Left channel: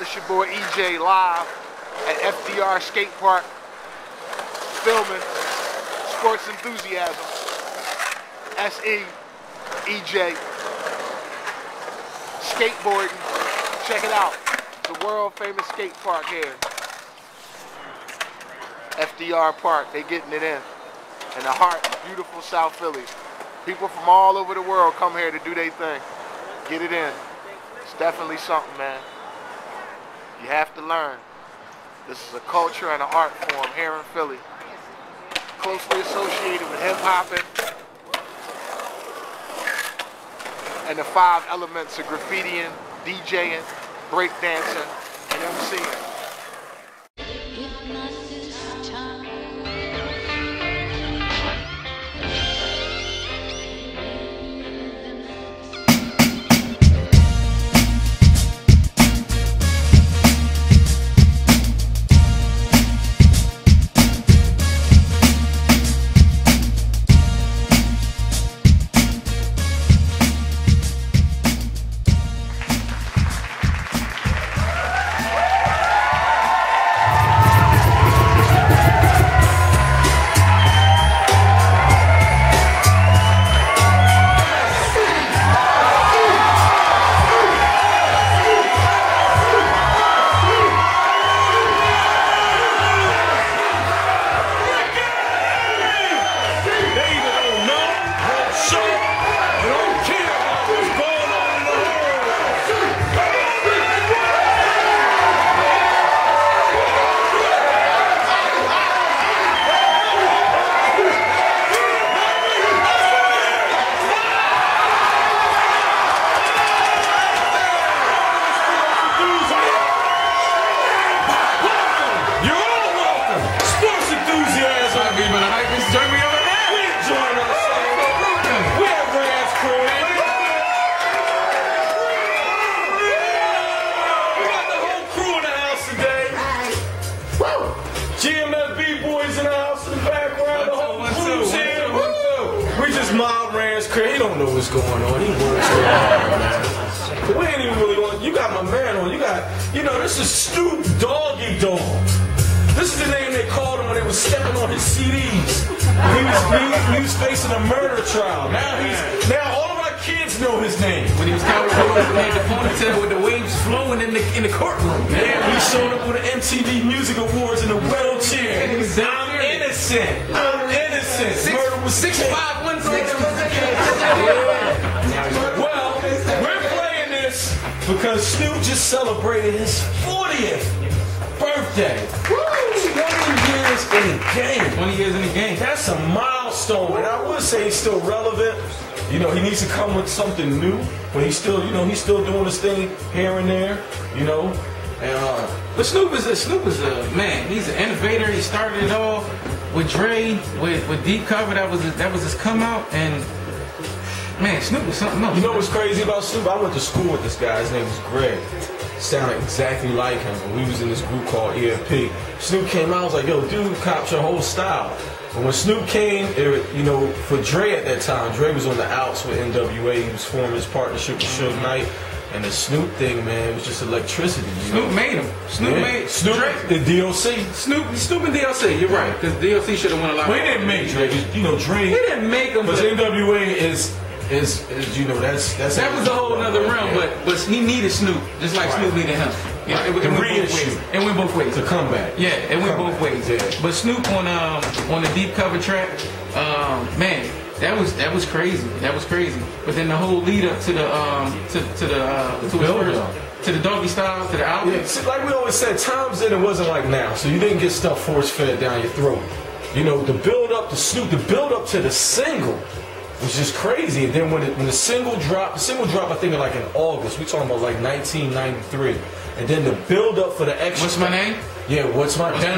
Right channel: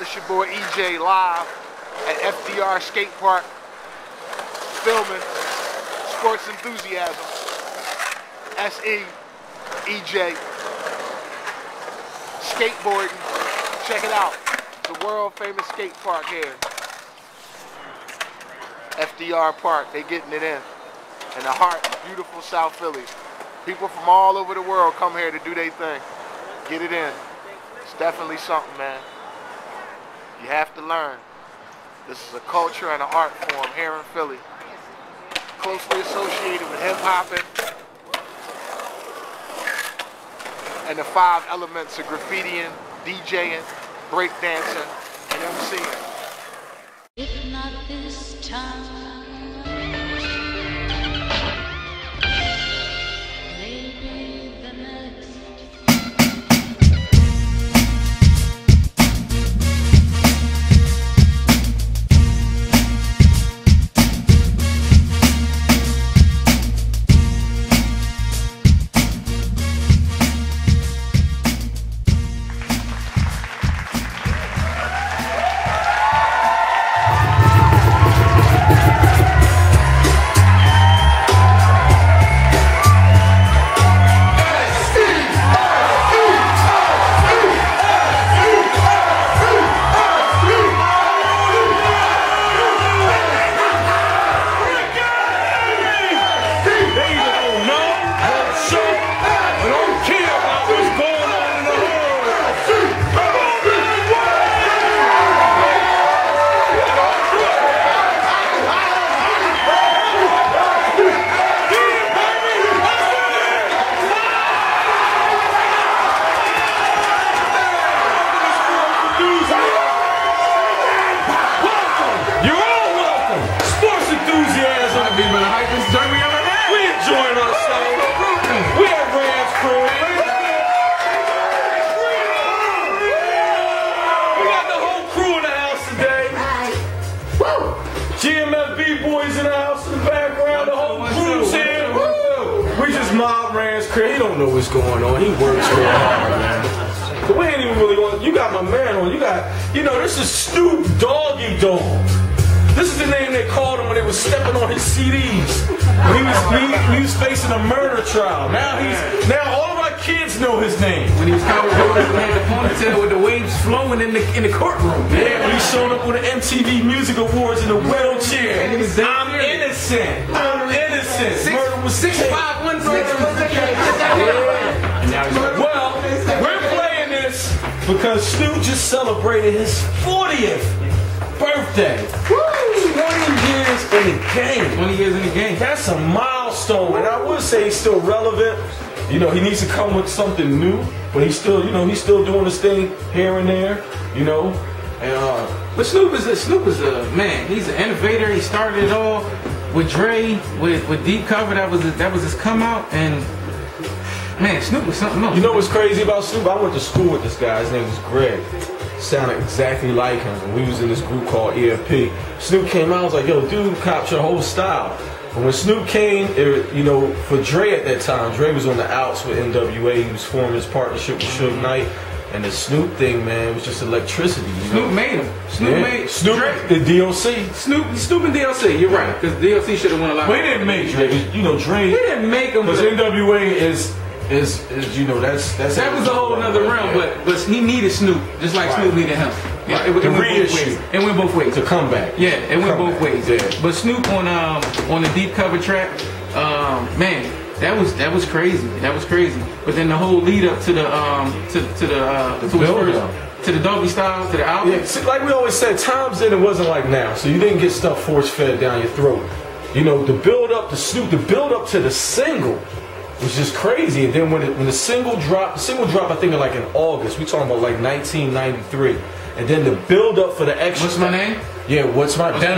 This your boy EJ live at FDR Skate Park, filming Sports Enthusiasm. SE, EJ, skateboarding. Check it out. The world famous skate park here. FDR Park, they getting it in the heart of beautiful South Philly. People from all over the world come here to do their thing. Get it in. It's definitely something, man. You have to learn. This is a culture and an art form here in Philly. Closely associated with hip-hopping and the 5 elements of graffitiing, DJing, breakdancing, and MCing. boys in the house in the background, the whole crew's here. We just mob Rand's crib. He don't know what's going on. He works so hard, man. But we ain't even really going. You got my man on. You know, this is Snoop Doggy Dog. This is the name they called him when they was stepping on his CDs. He was facing a murder trial. Now all of our kids know his name. When he was kind of had the ponytail with the waves flowing in the courtroom. Yeah, he showed up with the MTV Music Awards in a wheelchair. And he was I'm innocent. I'm innocent. Murder was 6'5", 160. Well, we're playing this because Snoop just celebrated his 40th birthday. 20 years in the game. 20 years in the game. That's a milestone, and I would say he's still relevant. You know, he needs to come with something new, but he's still, he's still doing his thing here and there. You know, and but Snoop is a man. He's an innovator. He started it all with Dre, with Deep Cover. That was his come out, and man, Snoop was something else. You know what's crazy about Snoop? I went to school with this guy. His name was Greg. Sounded exactly like him. And we was in this group called EFP. Snoop came out, I was like, yo, dude, copped your whole style. But when Snoop came, for Dre at that time, Dre was on the outs with NWA. He was forming his partnership with Suge Knight. And the Snoop thing, man, was just electricity. Snoop made him. Snoop made Dre. The DLC. Snoop and DLC, you're right. Because DLC should have won a lot. But he didn't make Dre. You know, Dre. He didn't make him. Because NWA is that's that was a whole nother realm, but he needed Snoop just like Snoop needed him. Yeah, it went both ways. It went both ways. To come back. Yeah, it went both ways. Yeah. But Snoop on the Deep Cover track, man, that was crazy. That was crazy. But then the whole lead up to the Doggy Style, to the album. Yeah, see, like we always said, times then it wasn't like now. So you didn't get stuff force fed down your throat. You know, the build up to Snoop, the build up to the single was just crazy. And then when the single dropped, I think like in August. We talking about like 1993. And then the build up for the extra. What's my name? Yeah, what's my name? You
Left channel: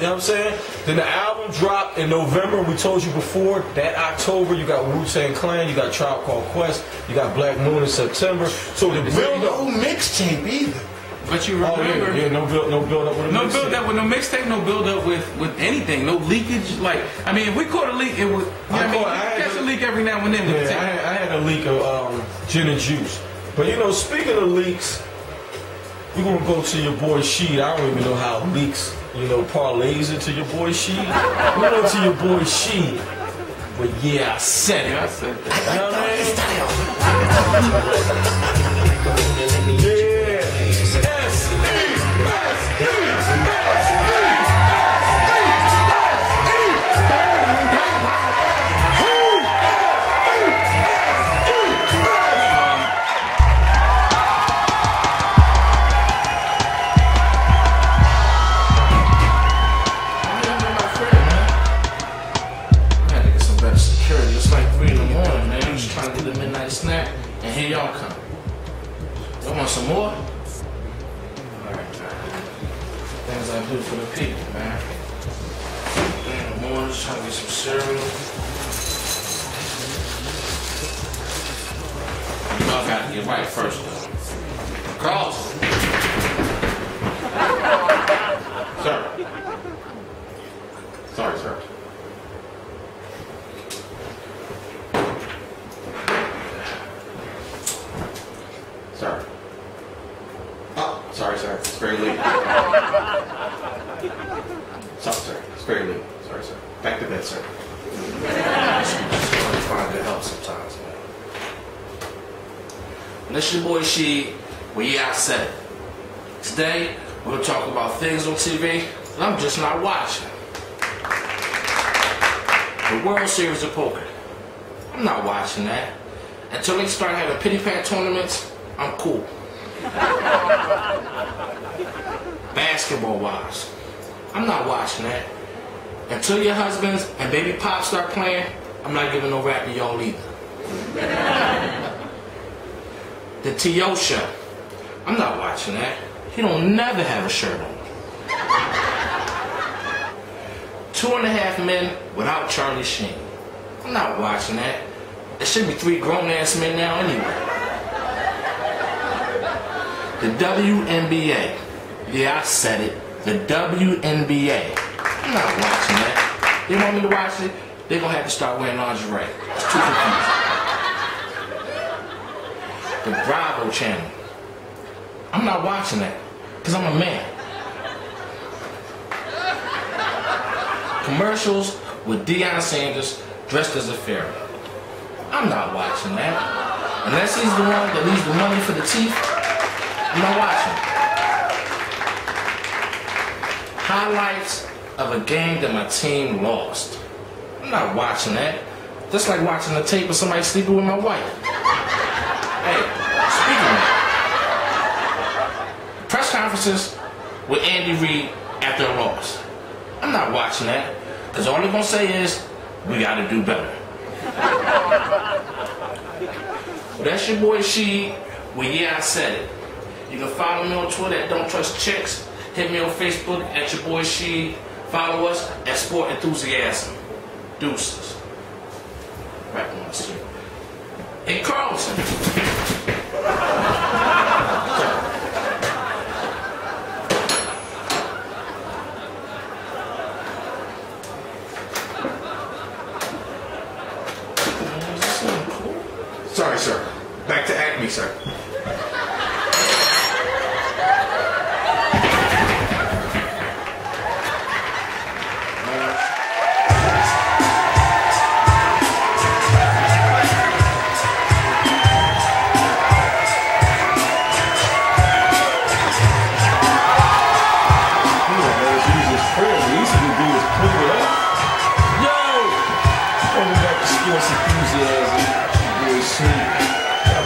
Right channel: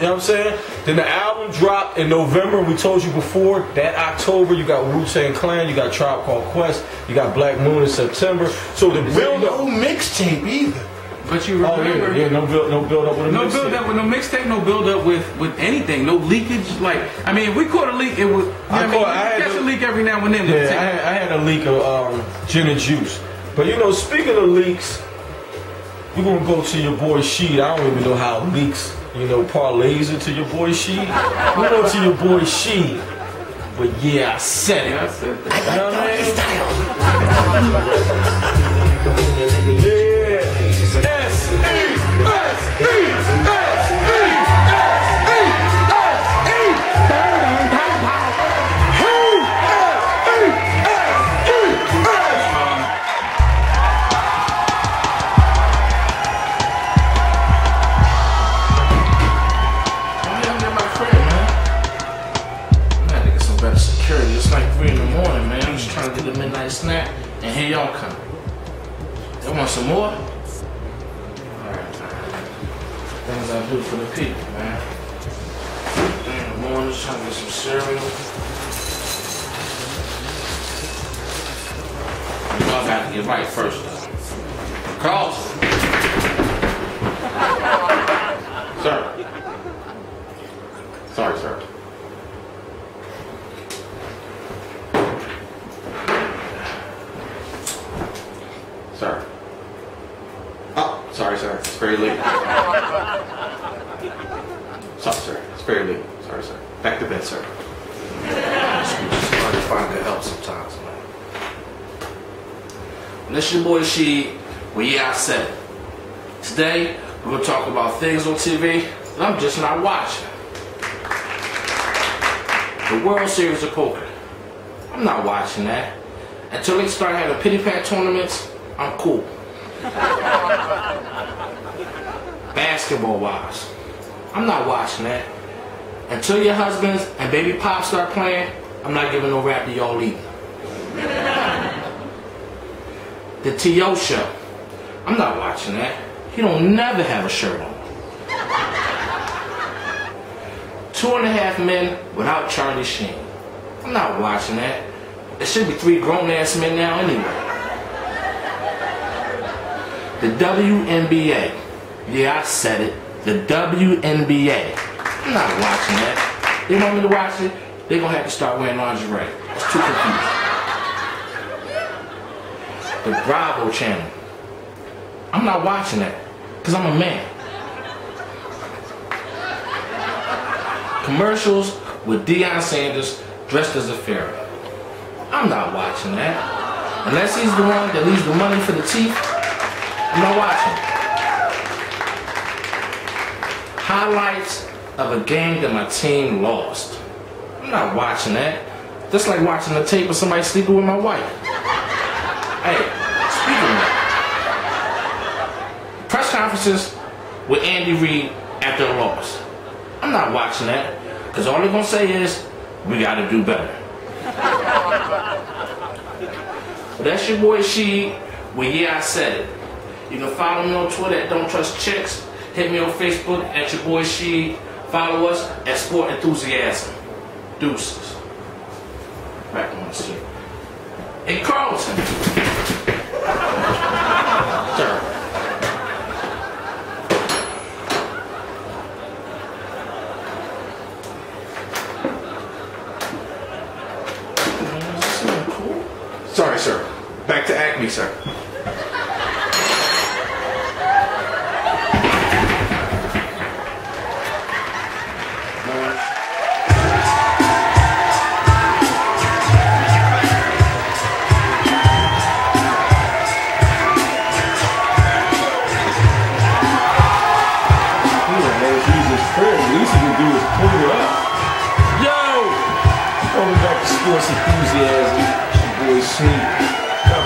know what I'm saying? Then the album dropped in November. We told you before that October you got Wu-Tang Clan, you got Tribe Called Quest, you got Black Moon in September. So the build up, no mixtape either. But you remember, no build up with a mixtape. No build up with no mixtape, no build up with anything, no leakage. Like, I mean, if we caught a leak, it was. I catch a leak every now and then. Yeah, I had a leak of gin and juice. But you know, speaking of leaks, you're gonna go to your boy Sheed. I don't even know how leaks, you know, parlays into your boy Sheed. We go to your boy Sheed. But yeah, I said it. I said that. You know what I mean? Yeah. Here y'all come. They want some more? Alright. Things I do for the people, man. In the morning, trying to get some cereal. Y'all gotta get right first. Carlton. Sir. Sorry, sir. Sir. Oh, sorry, sir. It's very late. Sorry, sir. It's very late. Sorry, sir. Back to bed, sir. It's hard to find good help sometimes, man. This your boy Sheed. Well, yeah, I said it. Today, we're gonna talk about things on TV that I'm just not watching. The World Series of Poker. I'm not watching that. Until they start having pity-pat tournaments, I'm cool. Basketball-wise, I'm not watching that. Until your husbands and baby pop start playing, I'm not giving no rap to y'all either. The T.O. show, I'm not watching that. He don't never have a shirt on. 2.5 Men without Charlie Sheen. I'm not watching that. There should be 3 grown-ass men now anyway. The WNBA. Yeah, I said it. The WNBA. I'm not watching that. They want me to watch it, they're gonna have to start wearing lingerie. It's too confusing. The Bravo channel. I'm not watching that, because I'm a man. Commercials with Deion Sanders dressed as a pharaoh. I'm not watching that. Unless he's the one that leaves the money for the teeth, I'm not watching. Highlights of a game that my team lost. I'm not watching that. Just like watching the tape of somebody sleeping with my wife. Hey, speaking of that, press conferences with Andy Reid after a loss. I'm not watching that, because all they're gonna say is, we gotta do better. But that's your boy Sheed. Well, yeah, I said it. You can follow me on Twitter at Don't Trust Chicks. Hit me on Facebook at your boy Sheed. Follow us at Sport Enthusiasm. Deuces. Back on the street. Hey, Carlton. Sorry, sir. Back to Acme, sir.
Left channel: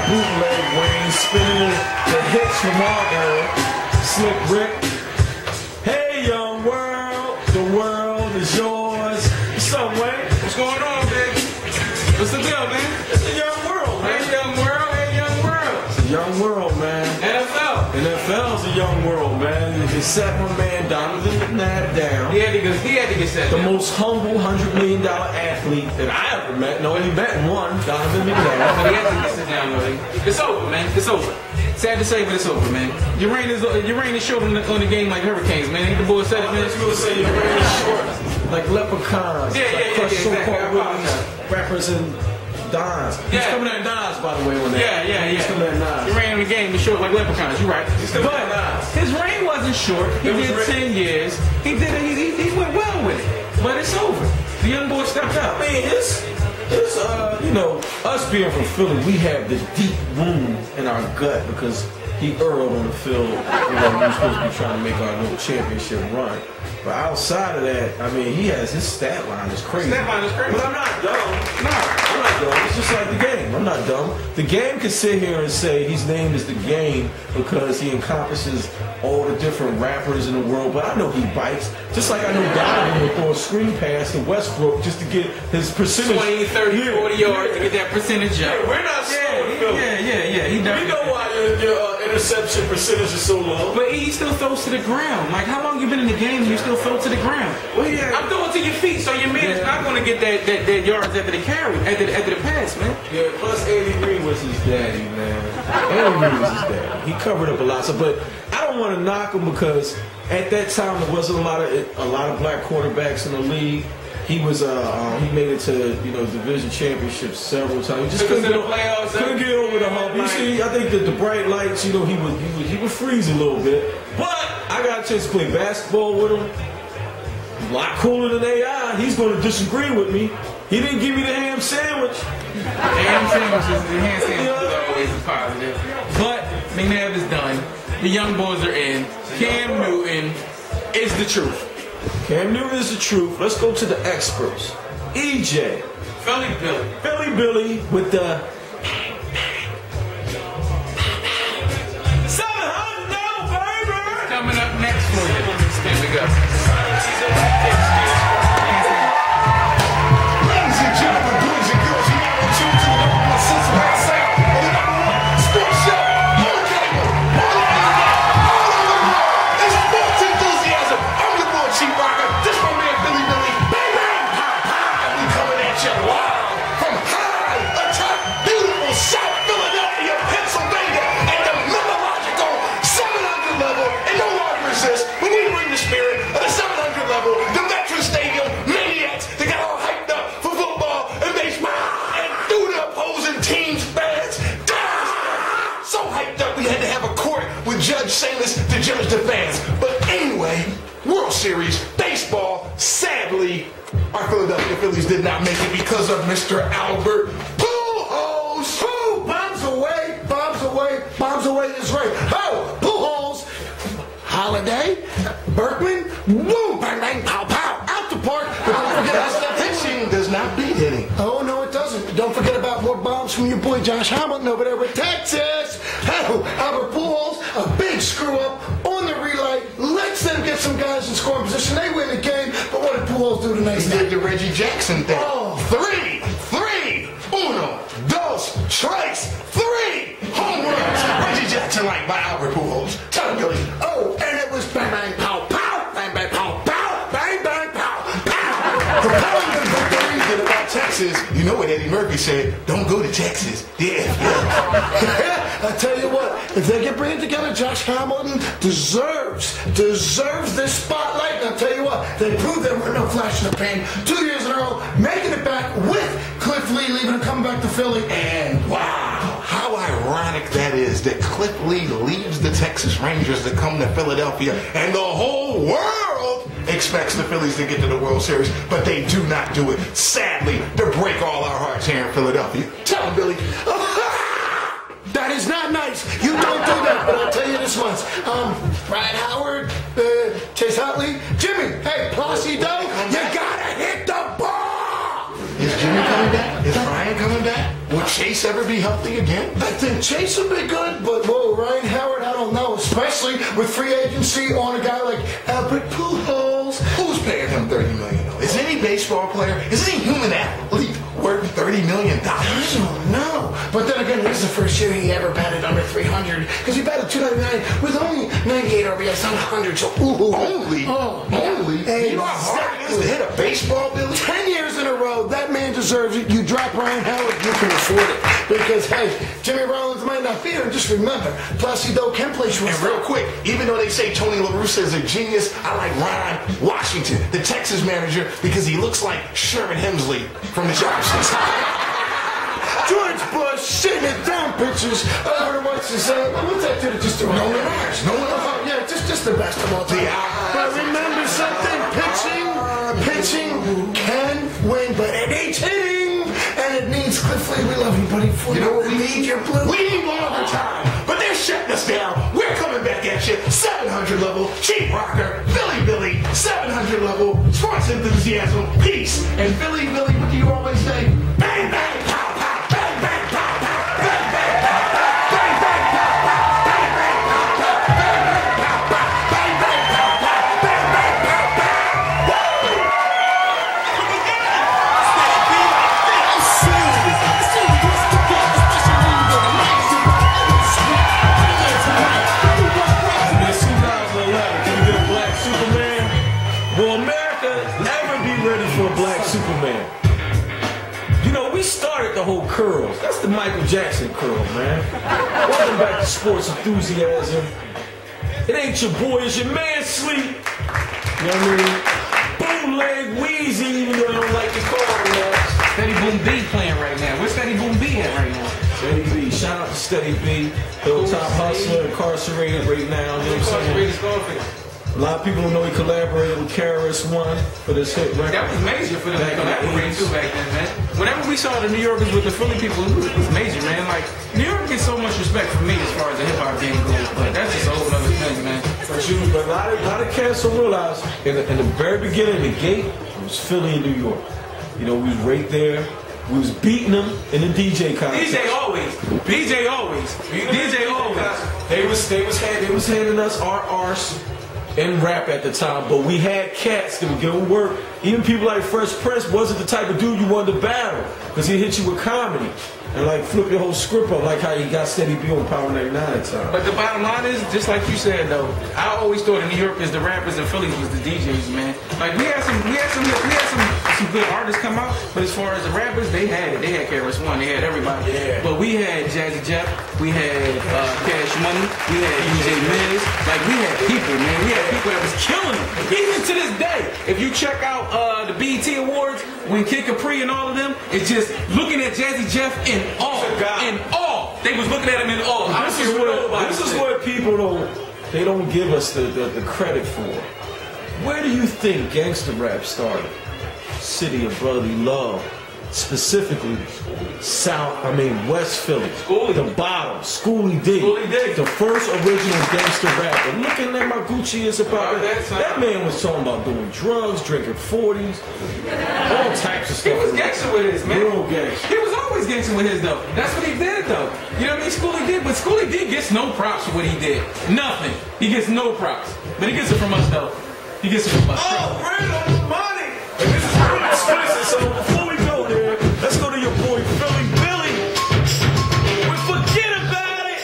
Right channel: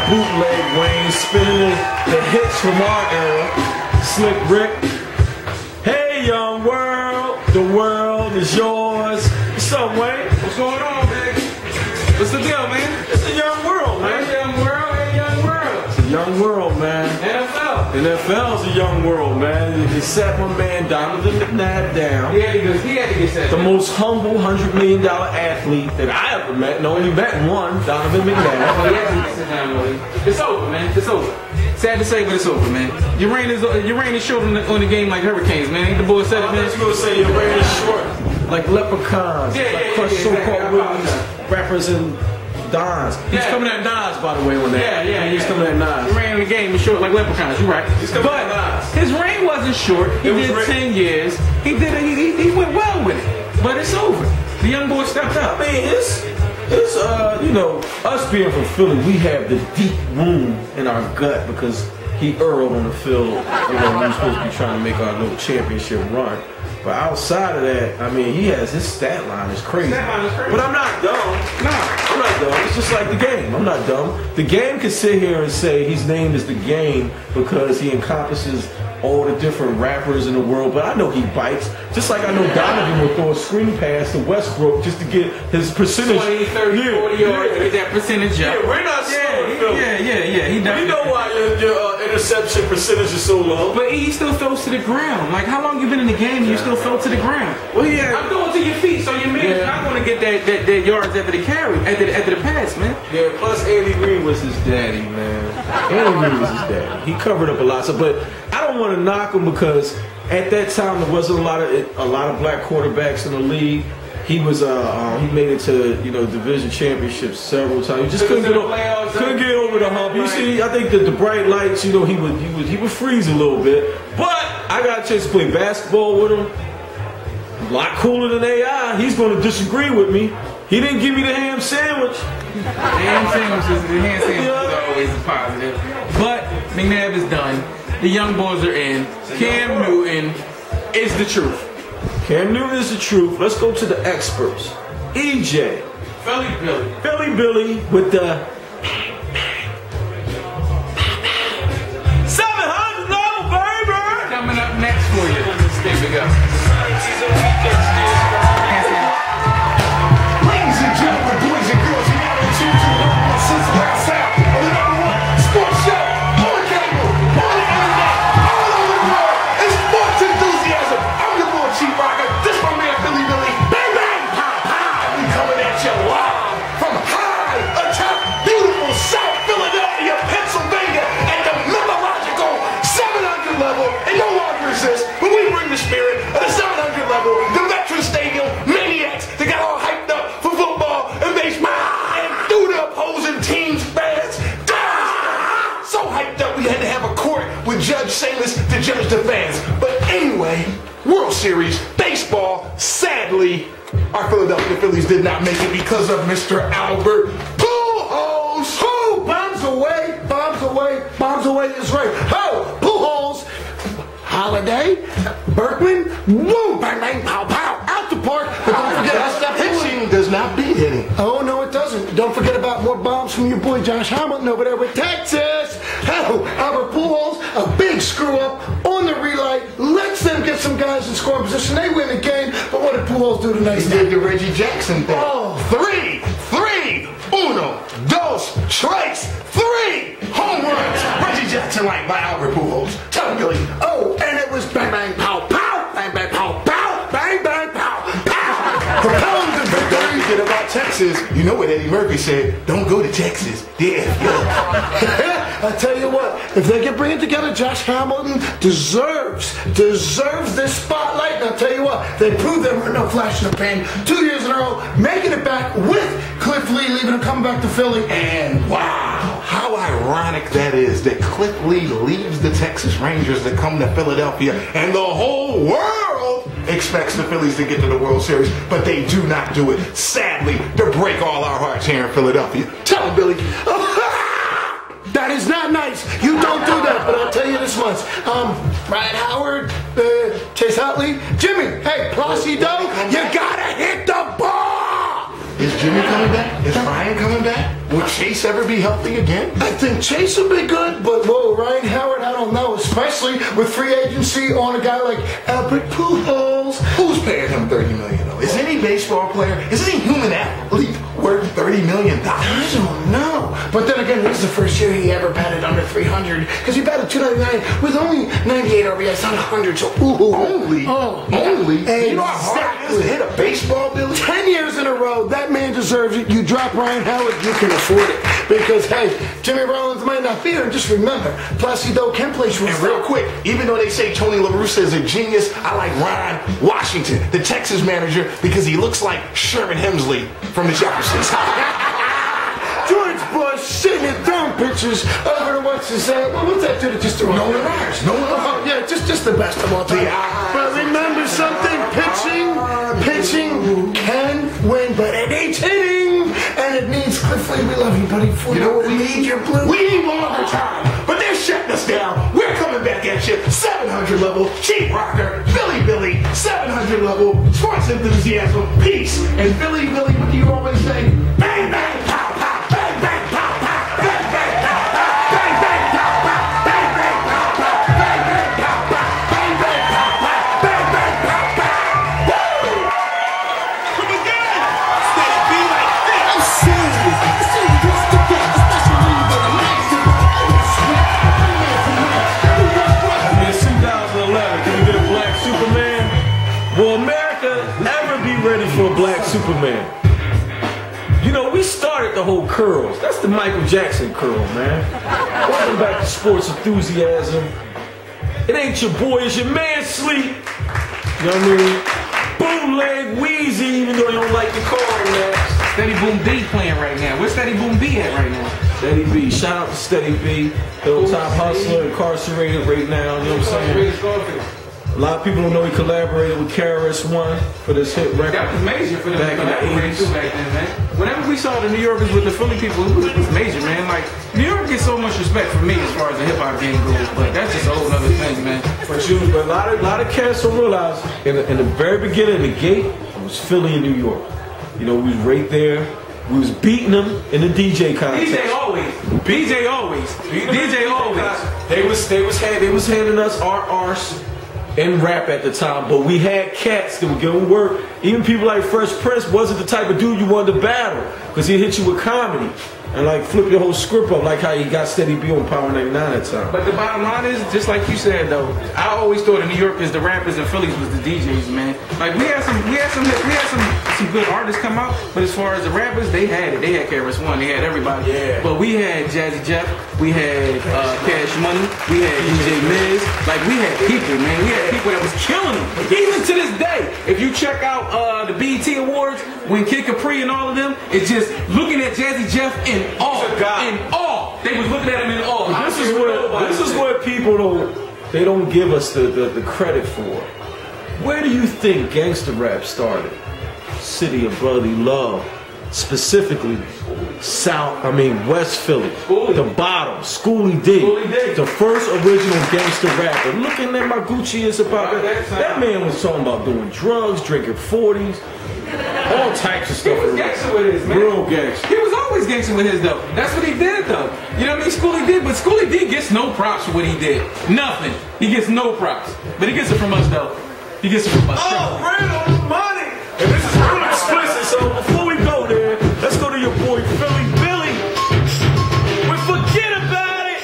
Bootleg Wayne spinning the hits from our era. Slick Rick. Hey, young world, the world is yours. What's up, Wayne? What's going on, man? What's the deal, man? It's a young world, man. Hey, young world, hey, young world. It's a young world, man. NFL. NFL's a young world, man. He sat my man Donovan McNabb down. He had to get set. The most humble $100 million athlete that I ever met. No, only met one, Donovan McNabb. He had to get sit down, Willie. It's over, man. It's over. Sad to say, but it's over, man. Your reign is short on the game like hurricanes, man. Ain't the boy said it, man? I was going to say your reign is short. Like leprechauns. Yeah, like yeah, crushed exactly. so-called Willies, rappers and Dons. He's coming at Dons, by the way, on that. Yeah. He's coming at Dons. Your reign the game is short like leprechauns. You're right. But his reign wasn't short. He did 10 years. He went well with it. But it's over. The young boy stepped up. I mean, you know, us being from Philly, we have the deep wound in our gut because he earled on the field. We were supposed to be trying to make our little championship run. But outside of that, I mean, his stat line is crazy. But I'm not dumb. I'm not dumb. It's just like the game. I'm not dumb. The game can sit here and say his name is the game because he encompasses all the different rappers in the world. But I know he bites. Just like I know Donovan will throw a screen pass to Westbrook just to get his percentage. 20, 30, 40 yards to get that percentage up. Yeah, we're not slow. Yeah. He does. We know why your interception percentage is so low. But he still throws to the ground. Like, how long you been in the game and you still throw to the ground? Well, yeah. I'm throwing to your feet, so your man's not going to get that yards after the carry, after the pass, man. Yeah, plus Andy Reid was his daddy, man. Andy Reid was his daddy. He covered up a lot. But I don't want to knock him because at that time there wasn't a lot of black quarterbacks in the league. He was he made it to division championships several times. He just couldn't get over the hump. You see, I think that the bright lights, he would freeze a little bit. But I got a chance to play basketball with him. A lot cooler than AI. He's going to disagree with me. He didn't give me the ham sandwich. The ham sandwich is always a positive. But McNabb is done. The young boys are in. Cam Newton is the truth. Cam Newton is the truth. Let's go to the experts. EJ. Philly Billy with the 700 baby. Coming up next for you. There we go. Ladies and gentlemen, boys and girls, you know what you do. Cincinnati South, and the #1 sports show on the cable, all over the world. It's sports enthusiasm. I'm your boy Chief Rocker. This my man Billy. Bang bang, pow pow. We coming at you live from high atop beautiful South Philadelphia, Pennsylvania, at the mythological 700 level. And no longer exists when we bring the spirit of the 700 level, the Veterans Stadium Maniacs. They got all hyped up for football and baseball and through the opposing team's fans. So hyped up we had to have a court with Judge Samus to judge the fans. But anyway, World Series, baseball, sadly, our Philadelphia Phillies did not make it because of Mr. Albert Pujols. Who? Bombs away is right. Oh, Pujols. Holiday, Berkman, boom, bang, bang, pow, pow, out the park. But don't forget, pitching does not beat hitting. Oh, no, it doesn't. Don't forget about more bombs from your boy Josh Hamilton over there with Texas. Oh, Albert Pujols, a big screw up on the relay, lets them get some guys in scoring position. They win the game, but what did Pujols do tonight? He did the Reggie Jackson thing. Oh, three, uno, dos, tres, 3 home runs. Reggie Jackson like by Albert Pujols. Tell him, Billy. Oh, and it was bang, bang, pow, pow, bang, bang, pow, pow, bang, bang, pow, pow. The pound and Barry did about Texas. You know what Eddie Murphy said? Don't go to Texas. Yeah. I tell you what, if they can bring it together, Josh Hamilton deserves this spotlight. And I'll tell you what, they proved there were no flash in the pan 2 years in a row, making it back with Cliff Lee leaving and coming back to Philly. And wow, how ironic that is that Cliff Lee leaves the Texas Rangers to come to Philadelphia, and the whole world expects the Phillies to get to the World Series, but they do not do it, sadly, to break all our hearts here in Philadelphia. Tell him, Billy. That is not nice. You don't do that, but I'll tell you this much. Ryan Howard, Chase Utley, Jimmy, hey, Placido, you gotta hit the ball! Is Jimmy coming back? Is Ryan coming back? Will Chase ever be healthy again? I think Chase will be good, but whoa, Ryan Howard, I don't know, especially with free agency on a guy like Albert Pujols. Who's paying him $30 million? Is any baseball player, is any human athlete worth $30 million? I don't know. But then again, this is the first year he ever batted under 300 because he batted 299 with only 98 RBIs, not 100. So, ooh. Only? Exactly. You know how hard it is to hit a baseball, Billy? 10 years in a row, that man deserves it. You drop Ryan Howard, you can afford it. Because, hey, Jimmy Rollins might not be here. And just remember, Placido can play shortstop. And real quick, even though they say Tony La Russa is a genius, I like Ryan Washington, the Texas manager, because he looks like Sherman Hemsley from the Jeffersons. George Bush sitting there throwing pitches over to what's his what's that dude that just threw? Nolan Ryan. Yeah, just the best of all time. But remember something, pitching can win, but it needs hitting, and it needs Clifford. We love you, buddy. You know what we need? Your blue. We need longer time, but they're shutting us down. We're coming back at you. 700 level, Chief Rocker, Philly Billy, 700 level, sports enthusiasm, peace, and Philly Billy. What do you always say? Bang bang pow pow, bang bang pow pow, bang bang pow pow, bang bang pow pow, bang bang pow pow, bang bang pow pow, bang bang pow pow, bang bang pow pow. Woo! Come again! Stay be like this. I'm serious. Will America ever be ready for a black Superman? You know, we started the whole curls. That's the Michael Jackson curl, man. Welcome back to Sports Enthusiasm. It ain't your boy, it's your man Sleep. You know what I mean? Bootleg Wheezy, even though you don't like to call him that. Steady Boom B playing right now. Where's Steady Boom B at right now? Steady B, shout out to Steady B, Hilltop Hustler, incarcerated right now. You know what I'm saying? A lot of people don't know he collaborated with KRS-One for this hit record. That was major for them back in the 80s. back then, man. Whenever we saw the New Yorkers with the Philly people, it was major, man. Like, New York gets so much respect from me as far as the hip-hop game goes, but that's just a whole other thing, man. For sure, but a lot of cats don't realize, in the very beginning of the gate, it was Philly and New York. You know, we was right there. We was beating them in the DJ contest. DJ always. They was handing us our arse in rap at the time, but we had cats that would give them work. Even people like Fresh Prince wasn't the type of dude you wanted to battle, because he'd hit you with comedy and like flip your whole script up, like how he got Steady B on Power 99 at the time. But the bottom line is, just like you said though, I always thought the New Yorkers, the rappers, and Phillies was the DJs, man. Like we had some good artists come out, but as far as the rappers, they had it. They had KRS-One, they had everybody. Yeah. But we had Jazzy Jeff, we had Cash Money, we had DJ Miz. Like we had people, man. We had people that was killing them. Even to this day, if you check out the BET Awards, when Kid Capri and all of them, it's just looking at Jazzy Jeff in awe. They was looking at him in awe. This is what people don't give us the credit for. Where do you think gangster rap started? City of Brotherly Love, specifically West Philly, the bottom, Schoolie D, the first original gangster rapper. Looking at my Gucci is about that man was talking about doing drugs, drinking 40s, all types of stuff. He was gangster with his, man. Real gangster. He was always gangster with his though. That's what he did though. You know what I mean? Schoolie did, but Schoolie D gets no props for what he did. Nothing. He gets no props, but he gets it from us though. He gets it from us. Oh, Brand on the money. And this is real explicit. So before we go there, let's go to your boy Philly Billy. We forget about it.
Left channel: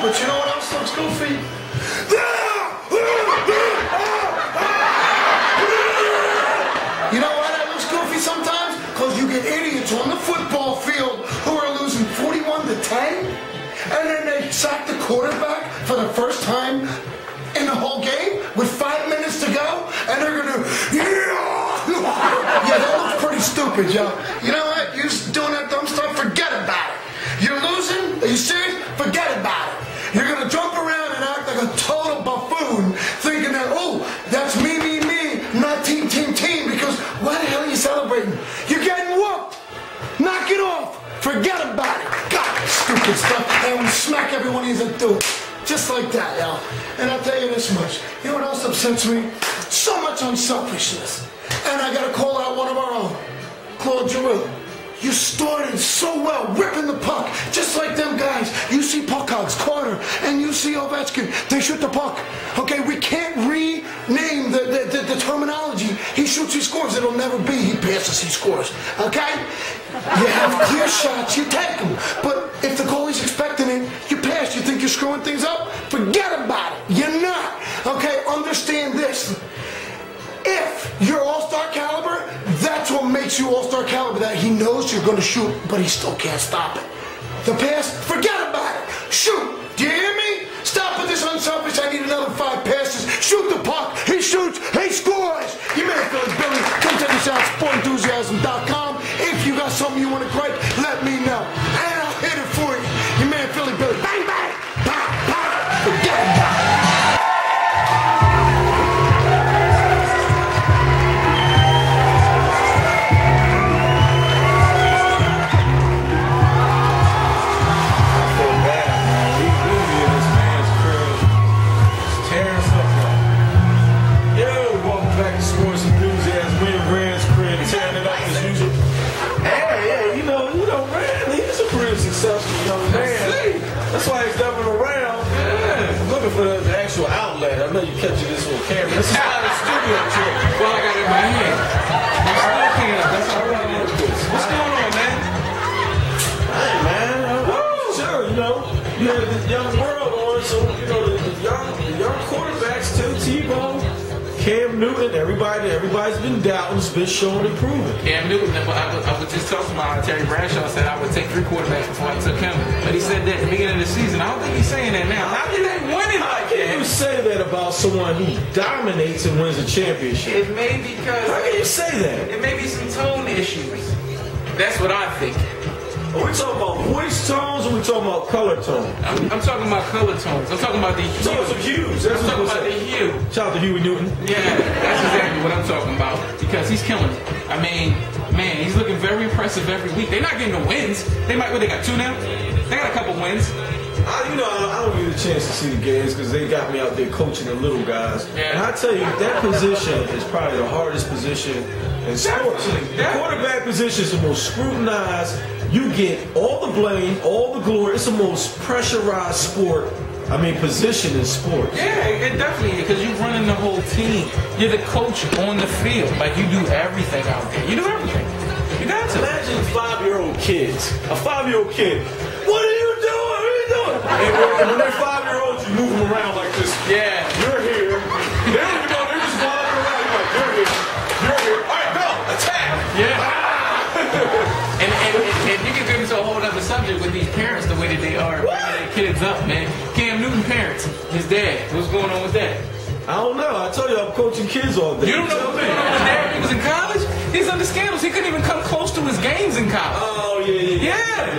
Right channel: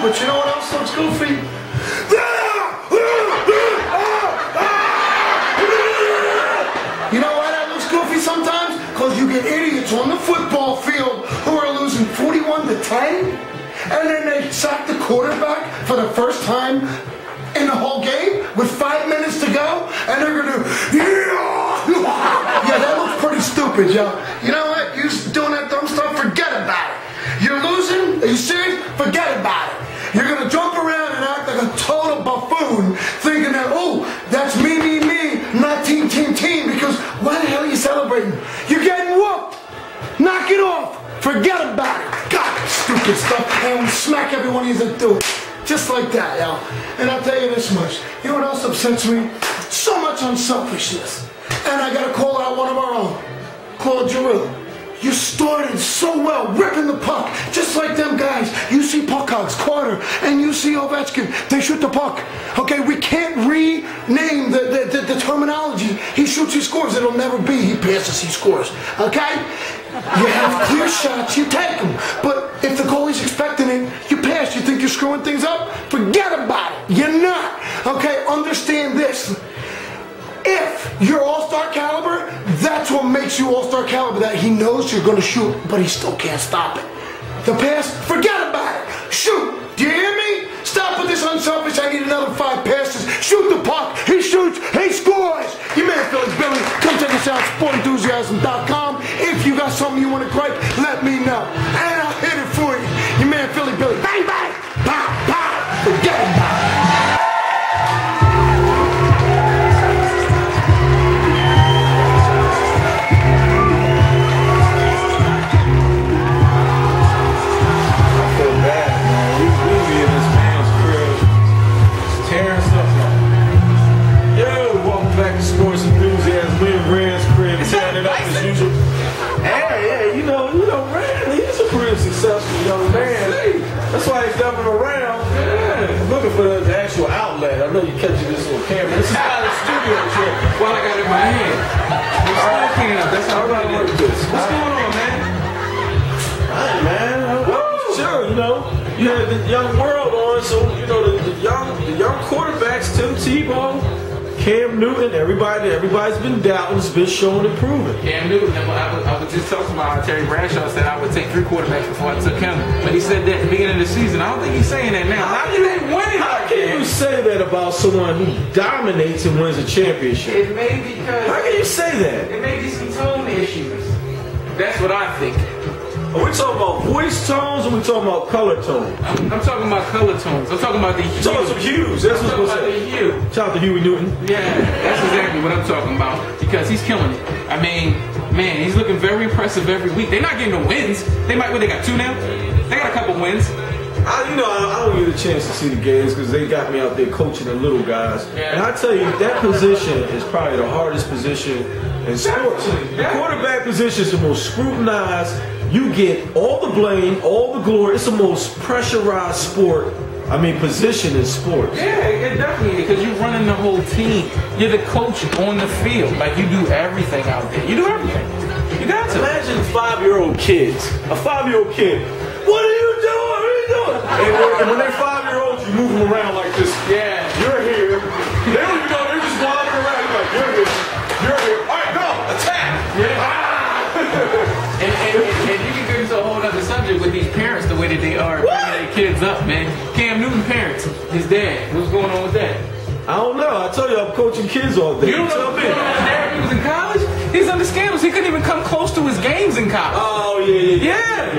But you know what else looks goofy? You know why that looks goofy sometimes? Because you get idiots on the football field who are losing 41-10, and then they sack the quarterback for the first time in the whole game with 5 minutes to go, and they're gonna yeah, that looks pretty stupid, yo. You know what? You doing that dumb stuff, forget about it. You're losing? Are you serious? Forget about it. You're gonna jump around and act like a total buffoon, thinking that, oh, that's me, not team, because why the hell are you celebrating? You're getting whooped. Knock it off. Forget about it. God, stupid stuff. And we smack everyone he's into it. Just like that, yo. And I'll tell you this much. You know what else upsets me? So much unselfishness. And I gotta call out one of our own, Claude Giroux. You started so well, ripping the puck, just like them guys. You see puck hogs, Carter, and you see Ovechkin. They shoot the puck. Okay, we can't rename the terminology. He shoots, he scores. It'll never be he passes, he scores. Okay? You have clear shots, you take them. But if the goalie's expecting it, you pass. You think you're screwing things up? Forget about it. You're not. Okay, understand this. If you're all-star caliber, that's what makes you all-star caliber, that he knows you're going to shoot, but he still can't stop it. The pass, forget about it. Shoot. Do you hear me? Stop with this unselfish, I need another 5 passes. Shoot the puck. He shoots. He scores. Your man, Phillies Billy. Come check us out, sportenthusiasm.com. If you got something you want to gripe, let me know. And I'll hit it for you. Your man, Philly Billy. Bang, bang. Pow, pow. Forget about it. That's why he's jumping around. Yeah. I'm looking for the actual outlet. I know you catching this on camera. This is not a studio trip. Well, I got it in my hand. I'm still cam. That's how I work this. What's going on, man? Hey, man. Sure, you know, you had the young world on, so, you know, the young quarterbacks too, Tebow, Cam Newton, everybody's been doubting, it's been shown and proven. Cam Newton, I was just talking about Terry Bradshaw said I would take 3 quarterbacks before I took him. But he said that at the beginning of the season. I don't think he's saying that now. How can they win it? How can you say that about someone who dominates and wins a championship? It may because... How can you say that? It may be some tone issues. That's what I think. Are we talking about voice tones or are we talking about color tones? I'm talking about color tones. I'm talking about the hue. Talking about some hues. That's I'm talking about the hue. Shout out to Huey Newton. Yeah, that's exactly what I'm talking about. Because he's killing it. I mean, man, he's looking very impressive every week. They're not getting the wins. They got 2 now? They got a couple wins. I don't get a chance to see the games because they got me out there coaching the little guys. Yeah. And I tell you, that position is probably the hardest position in sports. The quarterback position is the most scrutinized. You get all the blame, all the glory. It's the most pressurized sport. Position in sports. Yeah, it definitely is, because you're running the whole team. You're the coach on the field. Like, you do everything out there. You do everything. You got to. Imagine 5-year-old kids. A 5-year-old kid. What are you doing? What are you doing? And when they're 5-year-olds, you move them around like this. Yeah. You're here. They don't even know. They're just wandering around. You're like, you're here. You're here. All right, go. Attack. Yeah. And you can go into a whole other subject with these parents, the way that they are bringing their kids up, man. Cam Newton parents, his dad. What's going on with that? I don't know. I tell you, I'm coaching kids all day. You don't know what's going on with his dad when he was in college? He's under scandals. He couldn't even come close to his games in college. Oh, yeah.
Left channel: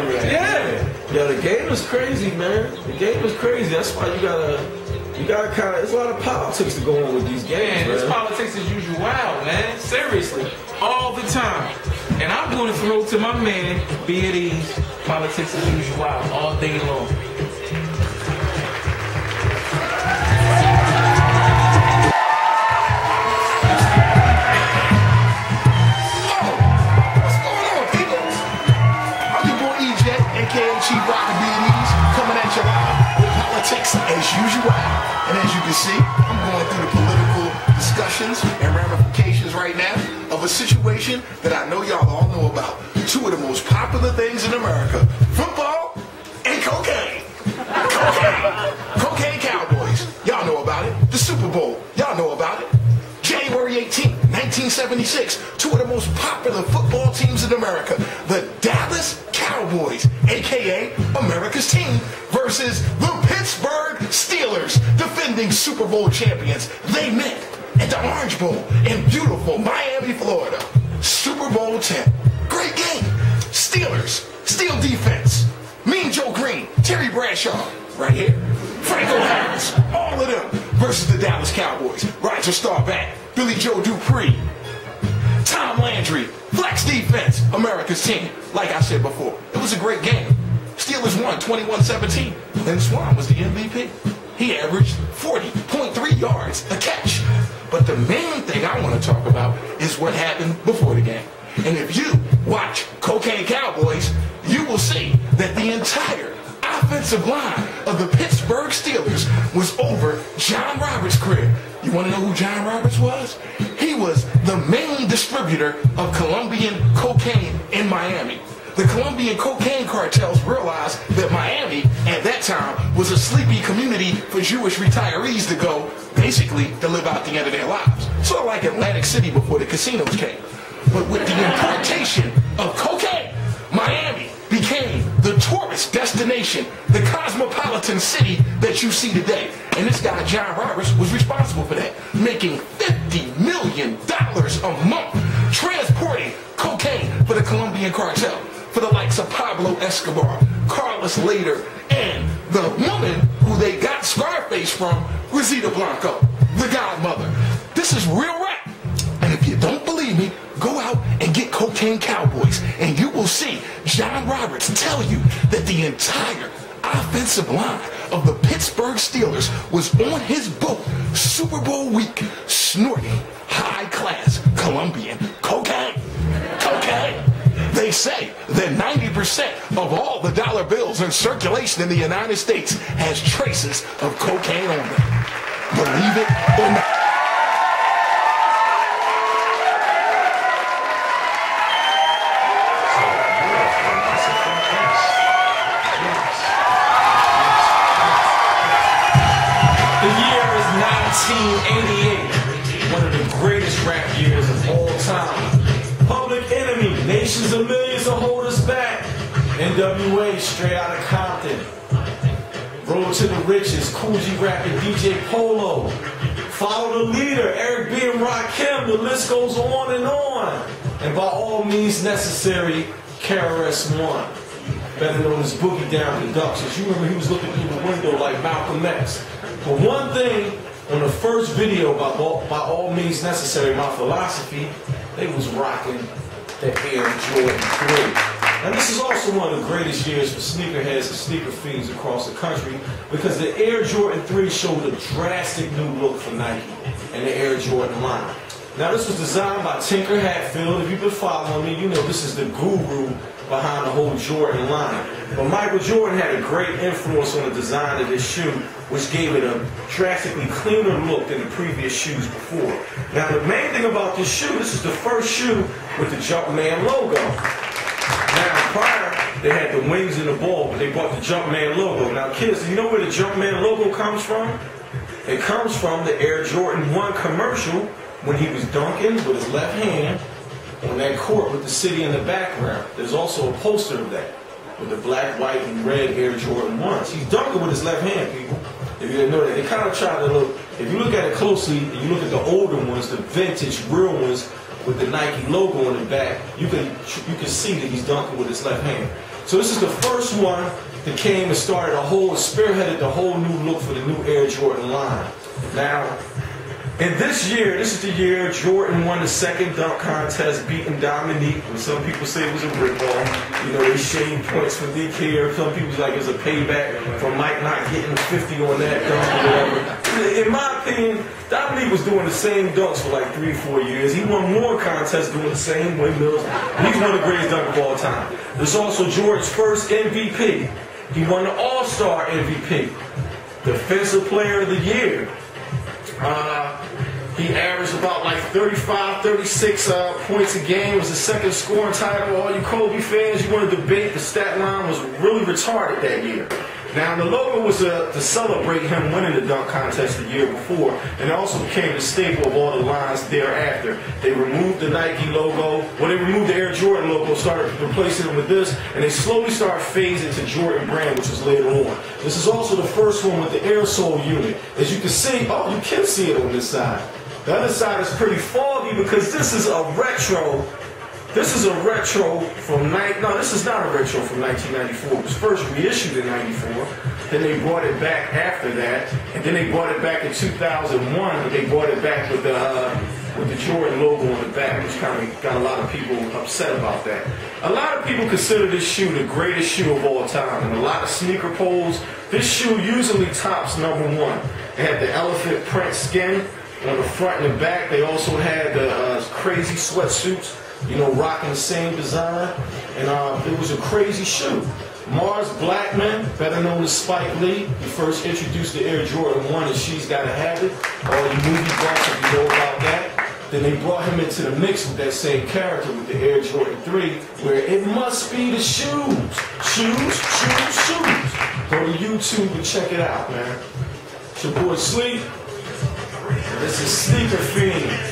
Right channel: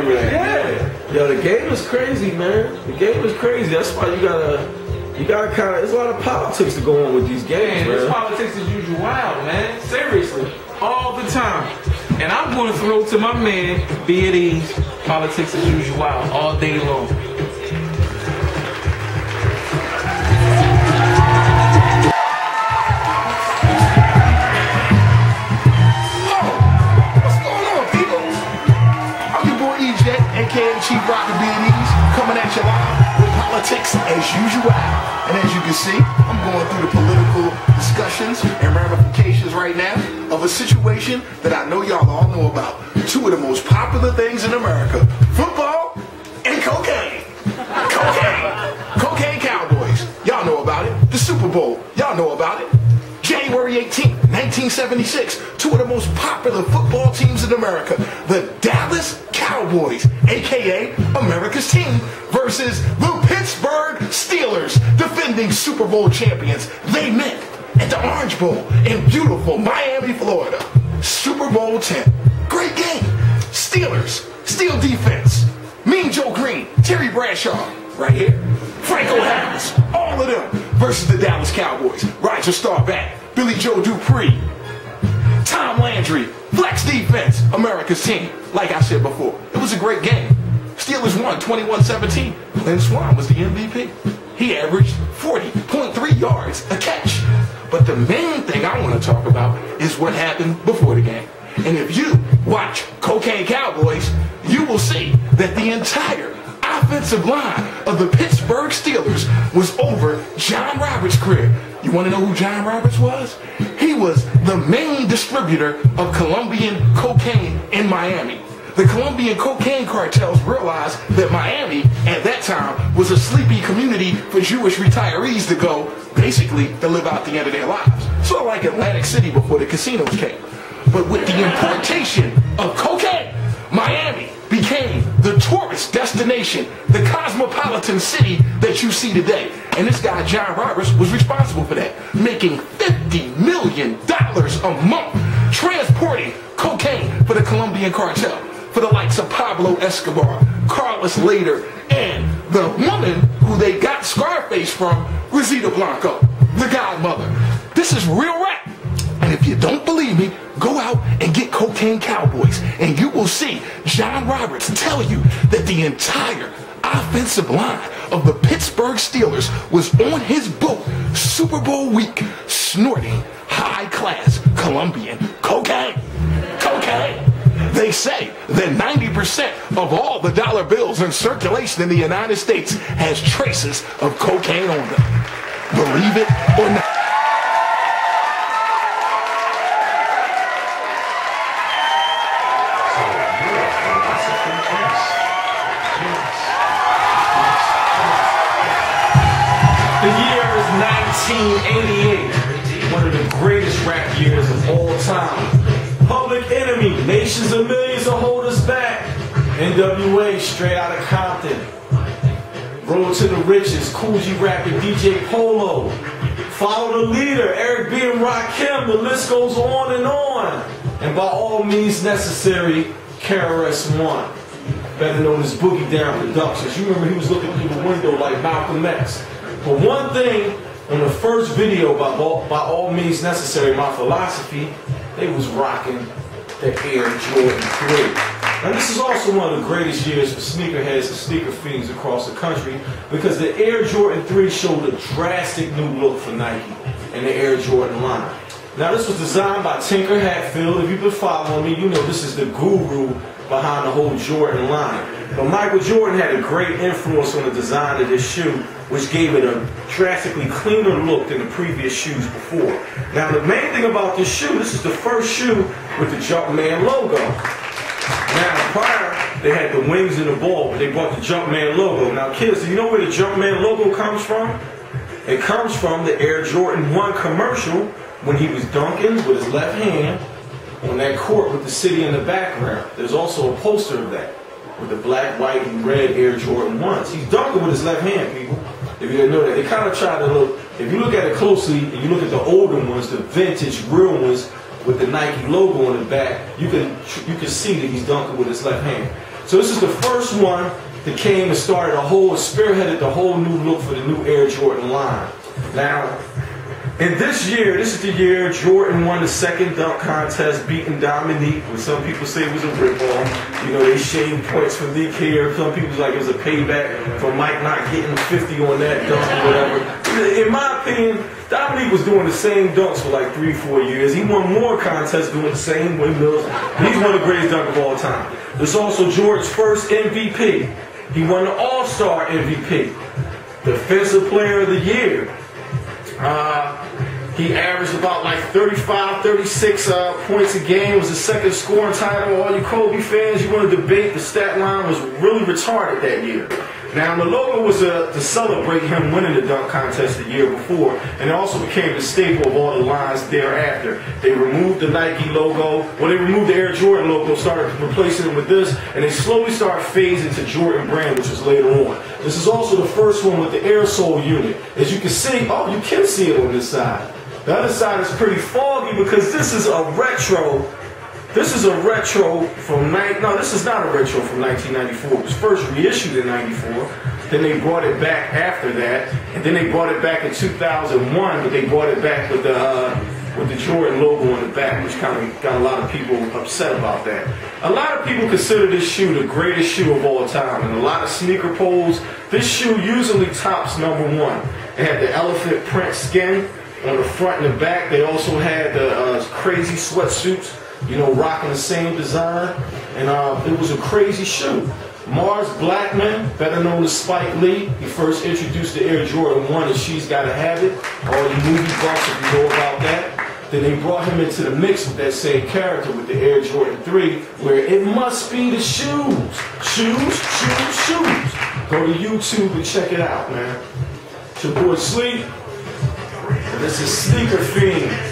Yo, the game is crazy, man. The game is crazy. That's why you gotta kind of, there's a lot of politics to go on with these games, man. This politics is usual wild, man. Seriously. All the time. And I'm going to throw to my man, be at ease, politics as usual all day long. Chief Rocker B&E's coming at you live with politics as usual. And as you can see, I'm going through the political discussions and ramifications right now of a situation that I know y'all all know about. 2 of the most popular things in America, football and cocaine. Cocaine Cowboys. Y'all know about it. The Super Bowl. Y'all know about it. January 18th, 1976, 2 of the most popular football teams in America, the Dallas Cowboys, aka America's team, versus the Pittsburgh Steelers, defending Super Bowl champions. They met at the Orange Bowl in beautiful Miami, Florida. Super Bowl 10. Great game. Steelers, steel defense. Mean Joe Green, Terry Bradshaw, right here. Franco Harris, all of them versus the Dallas Cowboys. Roger Staubach, Billy Joe Dupree, Tom Landry, flex defense, America's team. Like I said before, it was a great game. Steelers won 21-17. Lynn Swan was the MVP. He averaged 40.3 yards a catch. But the main thing I want to talk about is what happened before the game. And if you watch Cocaine Cowboys, you will see that the entire offensive line of the Pittsburgh Steelers was over John Roberts' career. You want to know who John Roberts was? He was the main distributor of Colombian cocaine in Miami. the Colombian cocaine cartels realized that Miami, at that time, was a sleepy community for Jewish retirees to go, basically, to live out the end of their lives. Sort of like Atlantic City before the casinos came. But with the importation of cocaine, Miami became the tourist destination, the cosmopolitan city that you see today. And this guy, John Roberts, was responsible for that, making $50 million a month transporting cocaine for the Colombian cartel, for the likes of Pablo Escobar, Carlos Lader, and the woman who they got Scarface from, Rosita Blanco, the godmother. This is real rap. And if you don't believe me, go out and get Cocaine Cowboys, and you will see John Roberts tell you that the entire offensive line of the Pittsburgh Steelers was on his boat Super Bowl week snorting high-class Colombian cocaine. Cocaine. They say that 90% of all the dollar bills in circulation in the United States has traces of cocaine on them. Believe it or not. The year is 1988, one of the greatest rap years of all time. Public Enemy, Nations of Millions will hold us back. NWA, straight out of Compton. Road to the Riches, Cool G Rapping, DJ Polo. Follow the Leader, Eric B. and Rakim, the list goes on. And by all means necessary, KRS-One, better known as Boogie Down Productions. You remember he was looking through the window like Malcolm X. But one thing, on the first video by all means necessary, my philosophy, they was rocking the Air Jordan 3. Now this is also one of the greatest years for sneakerheads and sneaker fiends across the country, because the Air Jordan 3 showed a drastic new look for Nike and the Air Jordan line. Now this was designed by Tinker Hatfield. If you've been following me, you know this is the guru behind the whole Jordan line. But Michael Jordan had a great influence on the design of this shoe, which gave it a drastically cleaner look than the previous shoes before. Now the main thing about this shoe, this is the first shoe with the Jumpman logo. Now prior, they had the wings and the ball, but they brought the Jumpman logo. Now kids, do you know where the Jumpman logo comes from? It comes from the Air Jordan 1 commercial when he was dunking with his left hand on that court with the city in the background. There's also a poster of that with the black, white, and red Air Jordan 1s. He's dunking with his left hand, people. If you didn't know that, they kind of try to look, if you look at it closely, and you look at the older ones, the vintage, real ones, with the Nike logo on the back, you can see that he's dunking with his left hand. So this is the first one that came and started spearheaded the whole new look for the new Air Jordan line. Now, in this year, this is the year Jordan won the second dunk contest, beating Dominique, when some people say it was a ripoff. You know, they shaved points for Nick here. Some people like it was a payback for Mike not getting 50 on that dunk or whatever. In my opinion, Dominique was doing the same dunks for like 3-4 years. He won more contests doing the same windmills. He's one of the greatest dunkers of all time. This is also Jordan's first MVP. He won the All-Star MVP. Defensive Player of the Year. He averaged about like 35, 36 points a game. It was the second scoring title. All you Kobe fans, you want to debate, the stat line was really retarded that year. Now, the logo was to celebrate him winning the dunk contest the year before, and it also became the staple of all the lines thereafter. They removed the Nike logo. Well, they removed the Air Jordan logo, started replacing it with this, and they slowly started phasing to Jordan brand, which was later on. This is also the first one with the air sole unit. As you can see, oh, you can see it on this side. The other side is pretty foggy because this is a retro. This is a retro from this is not a retro from 1994. It was first reissued in '94. Then they brought it back after that, and then they brought it back in 2001. But they brought it back with the Jordan logo on the back, which kind of got a lot of people upset about that. A lot of people consider this shoe the greatest shoe of all time, and a lot of sneaker polls, this shoe usually tops #1. It had the elephant print skin on the front and the back. They also had the crazy sweatsuits, you know, rocking the same design, and it was a crazy shoe. Mars Blackman, better known as Spike Lee, he first introduced the Air Jordan 1 and She's Gotta Have It. All you movie buffs, if you know about that. Then they brought him into the mix with that same character with the Air Jordan 3, where it must be the shoes. Shoes, shoes, shoes. Go to YouTube and check it out, man. It's your boy Sleep. This is Sneaker Fiend.